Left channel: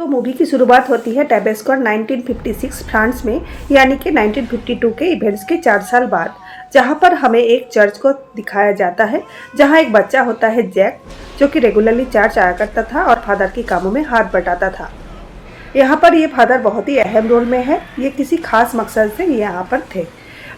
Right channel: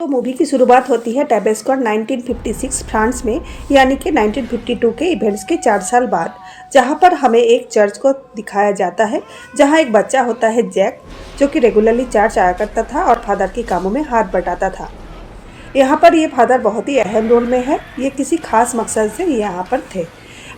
तो मूवी की शुरुआत होती है टेबेस्कॉन 1956 फ्रांस में, यानी कि 1952 के इवेंट्स के 4 साल बाद, जहां पर हमें एक चर्च को दिखाया जाता है जहां एक बच्चा होता है जैक, जो कि रेगुलरली चर्च आया करता था और फादर के कामों में हाथ बटाता था। यहाँ पर ये फादर बहुत ही अहम रोल में है। ये किसी खास मकसद से यहाँ पर थे।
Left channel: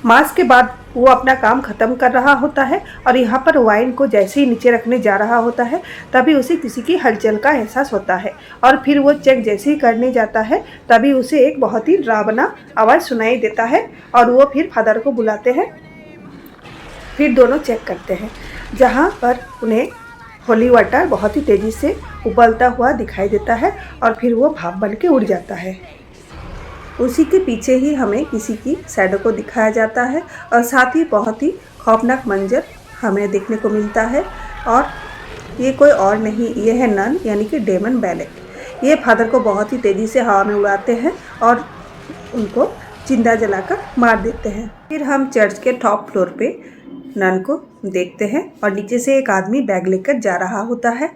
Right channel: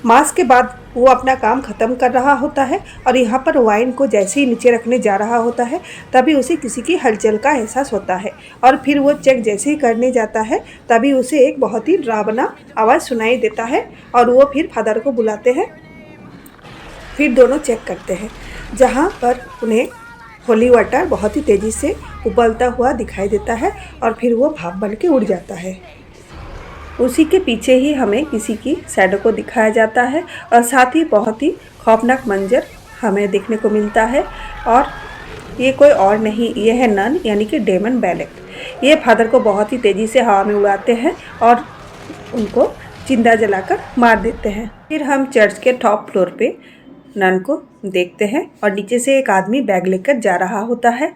मास के बाद वो अपना काम ख़त्म कर रहा होता है और यहाँ पर वाइन को जैसे ही नीचे रखने जा रहा होता है तभी उसे किसी की हलचल का एहसास होता है और फिर वो चेक जैसे ही करने जाता है तभी उसे एक बहुत ही डरावना आवाज़ सुनाई देता है और वो फिर फादर को बुलाते हैं। फिर दोनों चेक करते हैं जहाँ पर उन्हें होली वाटर बहुत ही तेज़ी से उबलता हुआ दिखाई देता है और फिर वो भाप बन के उड़ जाता है। उसी के पीछे ही हमें किसी की शैडो को दिखाया जाता है और साथ ही बहुत ही खौफनाक मंजर हमें देखने को मिलता है। और ये कोई और नहीं, ये है नन यानी कि डेमन बैलेक। ये फादर को बहुत ही तेज़ी से हवा में उड़ाते हैं और उनको जिंदा जलाकर मार देते हैं। फिर हम चर्च के टॉप फ्लोर पे नन को देखते हैं और नीचे से एक आदमी बैग लेकर जा रहा होता है,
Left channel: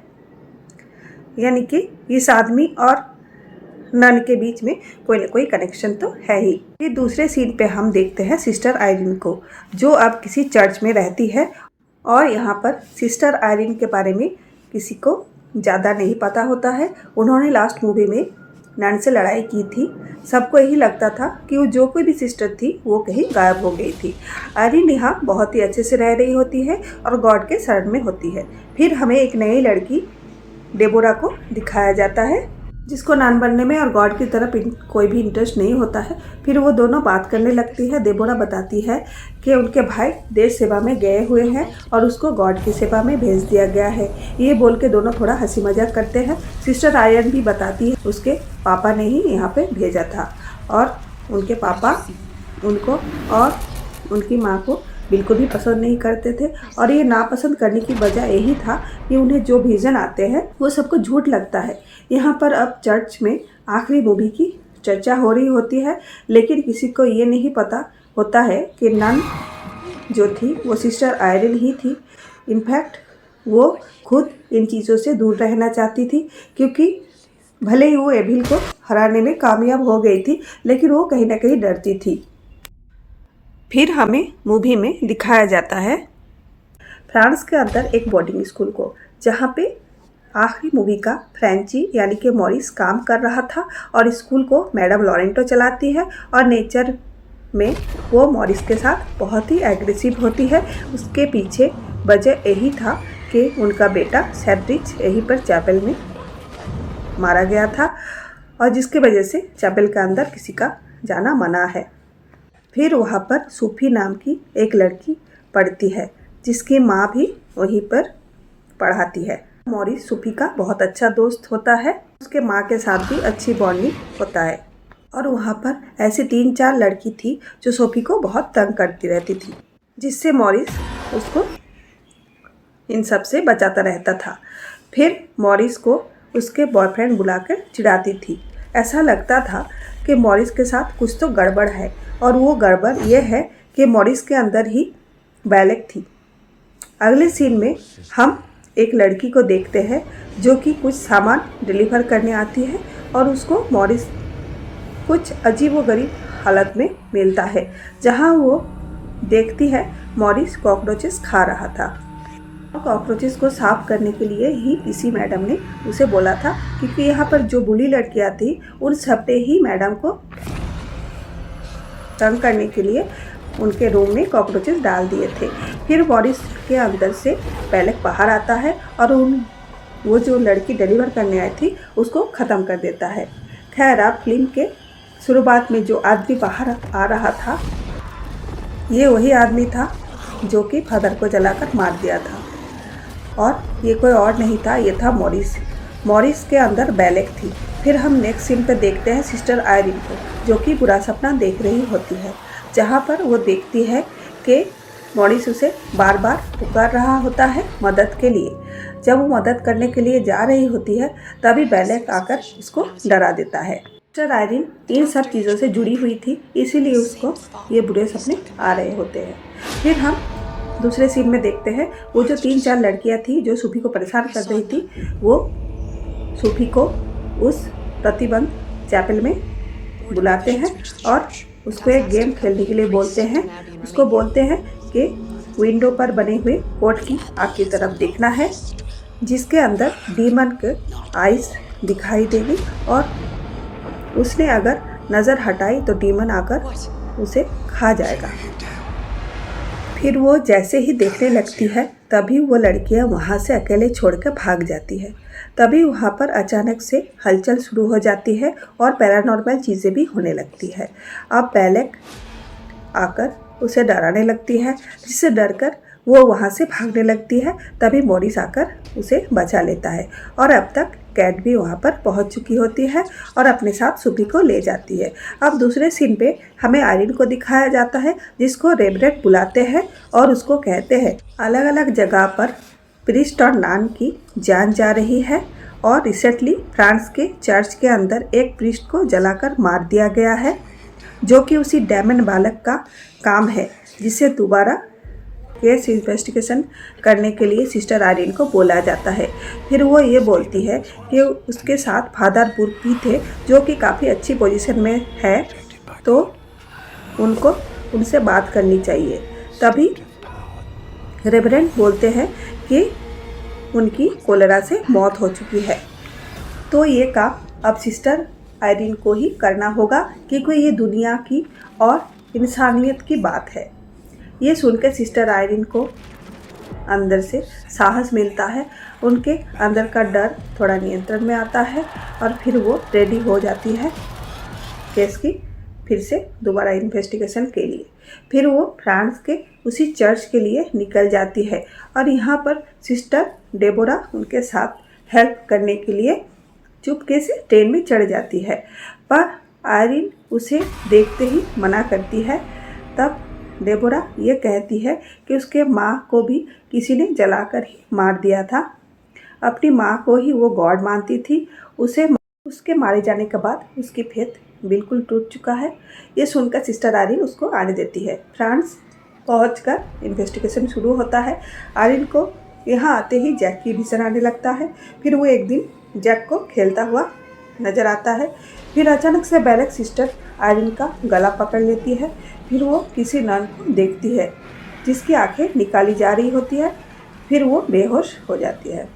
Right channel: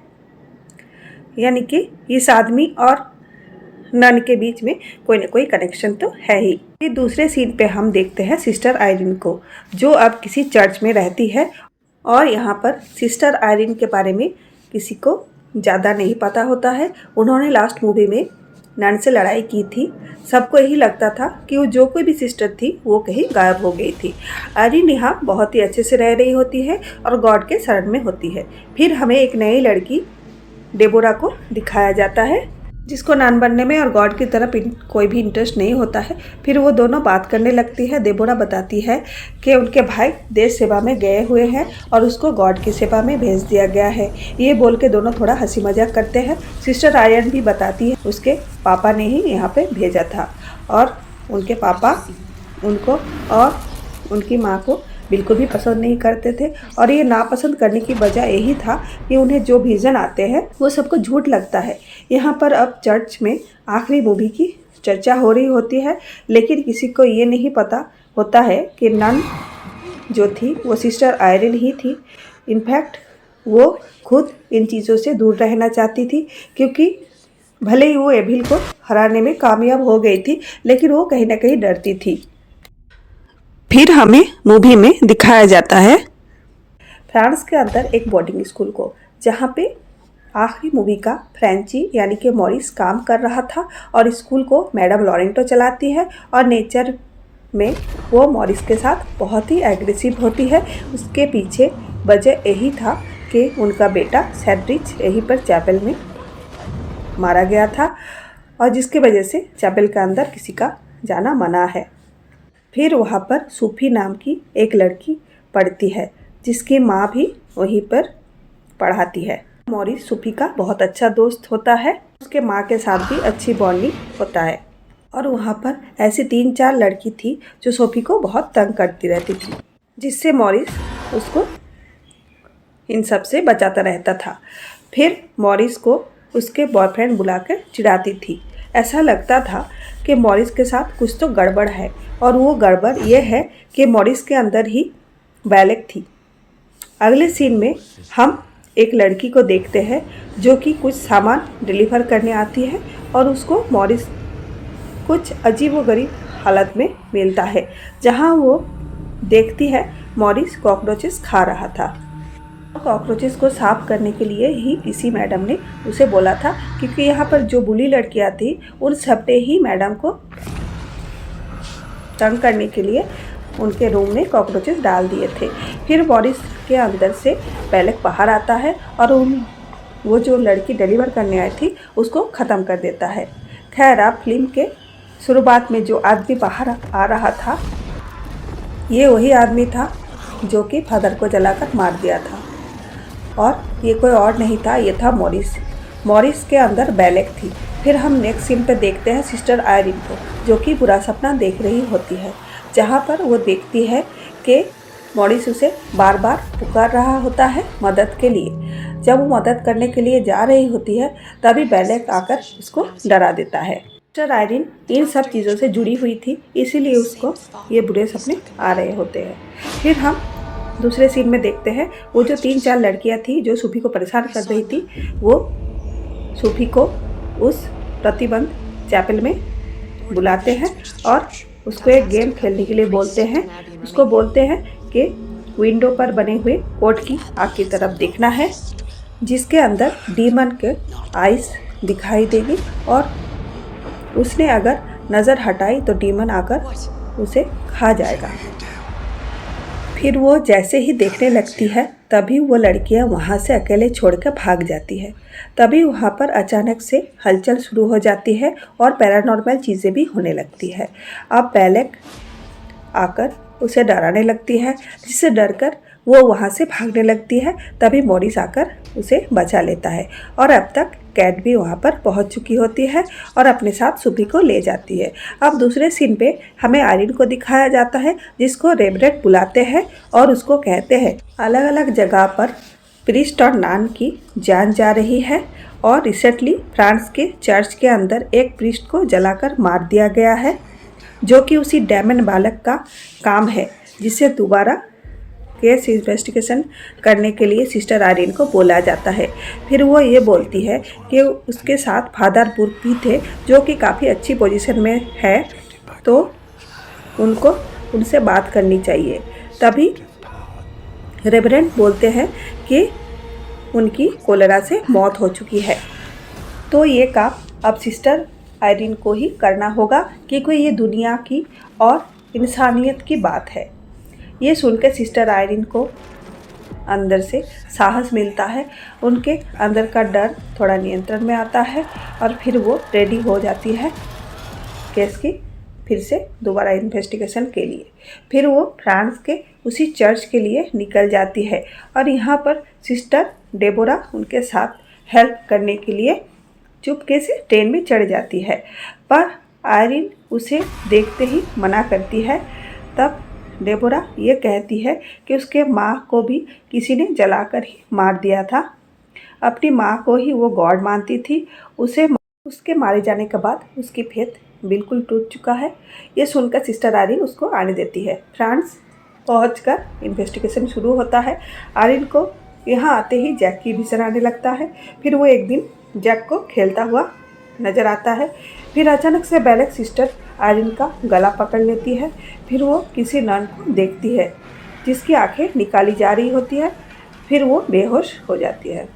यानी कि इस आदमी और नन के बीच में कोई ना कोई कनेक्शन तो है ही। फिर दूसरे सीन पे हम देखते हैं सिस्टर आयरीन को, जो अब किसी चर्च में रहती है और यहाँ पर सिस्टर आयरीन के बारे में किसी को ज़्यादा नहीं पता होता है। उन्होंने लास्ट मूवी में नन से लड़ाई की थी। सबको यही लगता था कि वो जो कोई भी सिस्टर थी वो कहीं गायब हो गई थी। आयरीन यहाँ बहुत ही अच्छे से रह रही होती है और गॉड के शरण में होती है। फिर हमें एक नई लड़की डेबोरा को दिखाया जाता है, जिसको नन बनने में और गॉड की तरफ कोई भी इंटरेस्ट नहीं होता है। फिर वो दोनों बात करने लगती है। डेबोरा बताती है कि उनके भाई देश सेवा में गए हुए हैं और उसको गॉड की सेवा में भेज दिया गया है। ये बोल के दोनों थोड़ा हंसी मजाक करते हैं। सिस्टर आयरन भी बताती है उसके पापा ने ही यहाँ पे भेजा था और उनके पापा उनको और उनकी माँ को बिल्कुल भी पसंद नहीं करते थे और ये नापसंद करने की वजह यही था कि उन्हें जो विज़न आते हैं वो सबको झूठ लगता है। यहाँ पर अब चर्च में आखिरी मूवी की चर्चा हो रही होती है, लेकिन किसी को ये नहीं पता होता है कि नन जो थी वो सिस्टर आयरन ही थी। इनफैक्ट वो खुद इन चीज़ों से दूर रहना चाहती थी, क्योंकि भले ही वो एविल को हराने में कामयाब हो गई थी लेकिन वो कहीं ना कहीं डरती थी। फिर हमें मूवी में दिखाया जाता है फ्रांस के अंदर एक बोर्डिंग स्कूल को, जहाँ पे आखिरी मूवी का फ्रेंची यानी कि मॉरिस काम कर रहा था और स्कूल को मैडम लॉरेंटो चलाती है और नेचर में वो मॉरिस के साथ बहुत ही एग्रेसिव होती है। उसके पीछे वजह यही था कि उनका बेटा सेड्रिक यहीं पर चैपल में मारा गया था और जिसकी वजह से चैपल के अंदर किसी का जाना मना है। फिर वहाँ पर सूफी नाम की एक लड़की पढ़ती है, जिसकी माँ भी वहीं पर पढ़ाती है। मॉरिस सूफी का बहुत अच्छा दोस्त होता है, उसके माँ के साथ भी अच्छी बॉन्डिंग होता है। और वहाँ पर ऐसी 3-4 लड़की थी जो सोफी को बहुत तंग करती रहती थी, जिससे मॉरिस उसको इन सब से बचाता रहता था। फिर मॉरिस को उसके बॉयफ्रेंड बुलाकर चिढ़ाती थी। ऐसा लगता था कि मॉरिस के साथ कुछ तो गड़बड़ है और वो गड़बड़ ये है कि मॉरिस के अंदर ही बैलेक थी। अगले सीन में हम एक लड़की को देखते हैं जो कि कुछ सामान डिलीवर करने आती है और उसको मॉरिस कुछ अजीबोगरीब हालत में मिलता है, जहां वो देखती है मॉरिस कॉकरोचेस खा रहा था। कॉकरोचेस को साफ करने के लिए ही इसी मैडम ने उसे बोला था, क्योंकि यहाँ पर जो बुली लड़कियाँ थी उन सब ने ही मैडम को तंग करने के लिए उनके रूम में कॉकरोचेस डाल दिए थे। फिर मॉरिस के अंदर से बैलेक बाहर आता है और वो जो लड़की डिलीवर करने आई थी उसको ख़त्म कर देता है। खैर, आप फिल्म के शुरुआत में जो आदमी बाहर आ रहा था ये वही आदमी था जो कि फादर को जलाकर मार दिया था और ये कोई और नहीं था, ये था मॉरिस। मॉरिस के अंदर बैलेक थी। फिर हम नेक्स्ट सीन पे देखते हैं सिस्टर आयरीन को, जो कि बुरा सपना देख रही होती है, जहाँ पर वो देखती है कि मॉरिस उसे बार बार पुकार रहा होता है मदद के लिए। जब वो मदद करने के लिए जा रही होती है तभी बैलेक आकर उसको डरा देता है। सिस्टर आयरीन इन सब चीज़ों से जुड़ी हुई थी, इसीलिए उसको ये बुरे सपने आ रहे होते हैं। फिर हम दूसरे सीन में देखते हैं वो जो 3-4 लड़कियां थी जो सूफी को परेशान कर रही थी, वो सूफी को उस प्रतिबंध चैपल में बुलाते हैं और उसको एक गेम खेलने के लिए बोलते हैं। उसको बोलते हैं कि विंडो पर बने हुए कोड की आपकी तरफ देखना है, जिसके अंदर डीमन के आइस दिखाई देगी और उसने अगर नज़र हटाई तो डीमन आकर उसे खा जाएगा। फिर वो जैसे ही देखने लगती है तभी वो लड़कियां वहाँ से अकेले छोड़कर भाग जाती है। तभी वहाँ पर अचानक से हलचल शुरू हो जाती है और पैरानॉर्मल चीज़ें भी होने लगती है। अब बेलेक आकर उसे डराने लगती है, जिससे डरकर वो वहाँ से भागने लगती है। तभी मॉरिस आकर उसे बचा लेता है और अब तक कैट भी वहाँ पर पहुँच चुकी होती है और अपने साथ सुबी को ले जाती है। अब दूसरे सीन पे हमें आयरिन को दिखाया जाता है, जिसको रेवरेंड बुलाते हैं और उसको कहते हैं अलग अलग जगह पर प्रीस्ट और नान की जान जा रही है और रिसेंटली फ्रांस के चर्च के अंदर एक प्रीस्ट को जलाकर मार दिया गया है, जो कि उसी डैमन बालक का काम है, जिसे दोबारा केस इन्वेस्टिगेशन करने के लिए सिस्टर आयरिन को बोला जाता है। फिर वो ये बोलती है कि उसके साथ फादर बुर्क भी थे, जो कि काफ़ी अच्छी पोजीशन में है, तो उनसे बात करनी चाहिए। तभी रेवरेंड बोलते हैं कि उनकी कोलेरा से मौत हो चुकी है, तो ये काम अब सिस्टर आयरिन को ही करना होगा, क्योंकि ये दुनिया की और इंसानियत की बात है। ये सुनकर सिस्टर आयरिन को अंदर से साहस मिलता है, उनके अंदर का डर थोड़ा नियंत्रण में आता है और फिर वो रेडी हो जाती है केस की फिर से दोबारा इन्वेस्टिगेशन के लिए। फिर वो फ्रांस के उसी चर्च के लिए निकल जाती है और यहाँ पर सिस्टर डेबोरा उनके साथ हेल्प करने के लिए चुपके से ट्रेन में चढ़ जाती है, पर आयरिन उसे देखते ही मना करती है। तब डेबोरा ये कहती है कि उसके माँ को भी किसी ने जलाकर ही मार दिया था। अपनी माँ को ही वो गॉड मानती थी। उसके मारे जाने के बाद उसकी फेथ बिल्कुल टूट चुका है। ये सुनकर सिस्टर आयरिन उसको आने देती है। फ्रांस पहुंचकर इन्वेस्टिगेशन शुरू होता है। आयरिन को यहाँ आते ही जैक की भीषण आने लगता है। फिर वो एक दिन जैक को खेलता हुआ नज़र आता है। फिर अचानक से बेलेक सिस्टर आयरिन का गला पकड़ लेती है। फिर वो किसी नन को देखती है, जिसकी आंखें निकाली जा रही होती है। फिर वो बेहोश हो जाती है।